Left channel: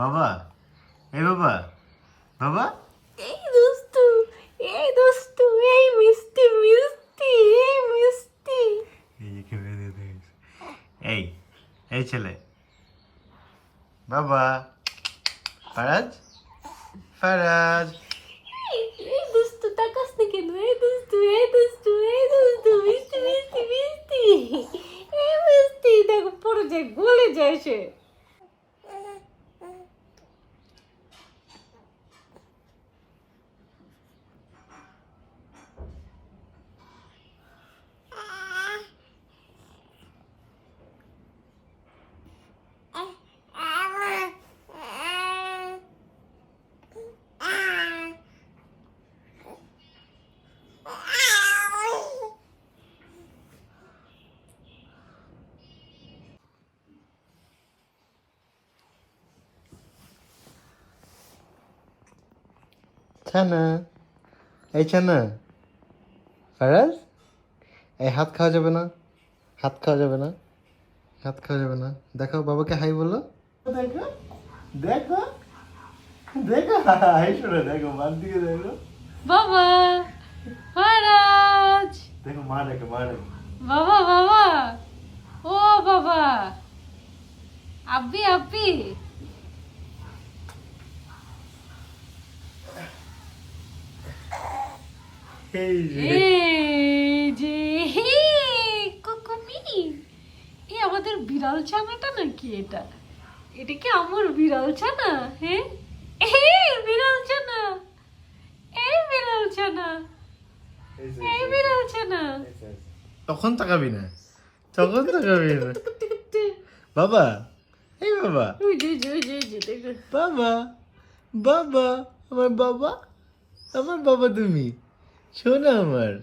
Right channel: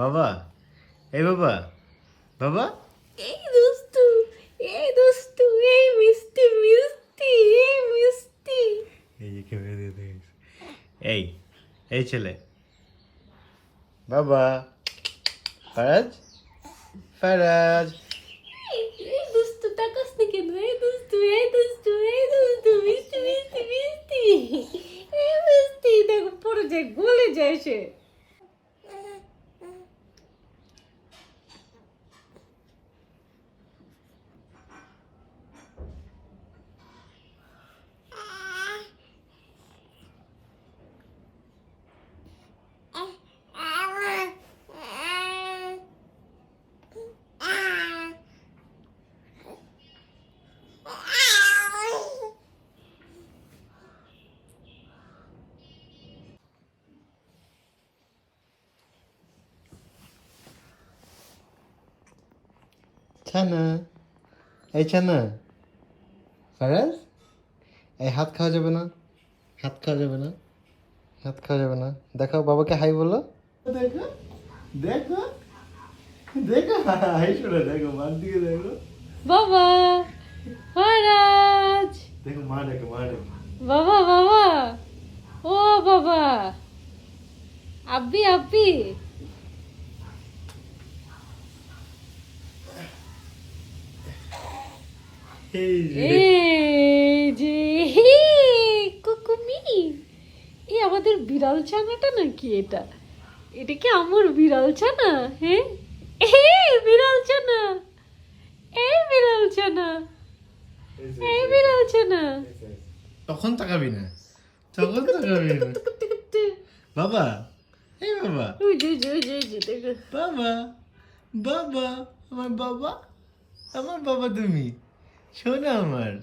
বাবা, এই বাবা, বাবা, এই দুষ্টু, এই দুষ্টু, এই মিষ্টি মিষ্টি, এই মিষ্টি। এই এই ছেলে, বাবা, ফারাজ, ফারাজ, এই দুষ্টু তাকাস না কেন? এই দুষ্টু, এই দুষ্টু, এই দুষ্টু, মিষ্টি মিষ্টি মিষ্টি, এই মিষ্টি। দেখো পড়ে যায়, গলে যায় সে। ছানা, এই ছানা, ফারাজ, এই হাত খাওয়া যাবে না, হাত খাওয়া যাবে না, হাত খাওয়া যাবে না। দেখো বাবাকে হাই বলো, দেখো, দেখো, দেখো, হাই শোনা, দেখো মার দিকে দেখো, বাবা, মহারাজ, দেখো মা দেখো, মা দেখো। বাবা বাবা, ও বাবা, আব্বি আব্বি। এই যে এই যে কুকুমি, এই আমাদের বিড়াল ছানাটা নাকি এটা? এটা কি আমার বিড়াল ছানা? হ্যাঁ, বিড়াল ছানা, এই বিড়াল ছানা, এই বিড়াল ছানা। তখন তাকাবি না, তখন তাকাবি না। বাবা, এই বাবা, ওই যে, ওই যে, ওই যে, দেখো। বাবা, বাবা, আমার বাবা, আমার বাবা তুমি, শোনো আমার।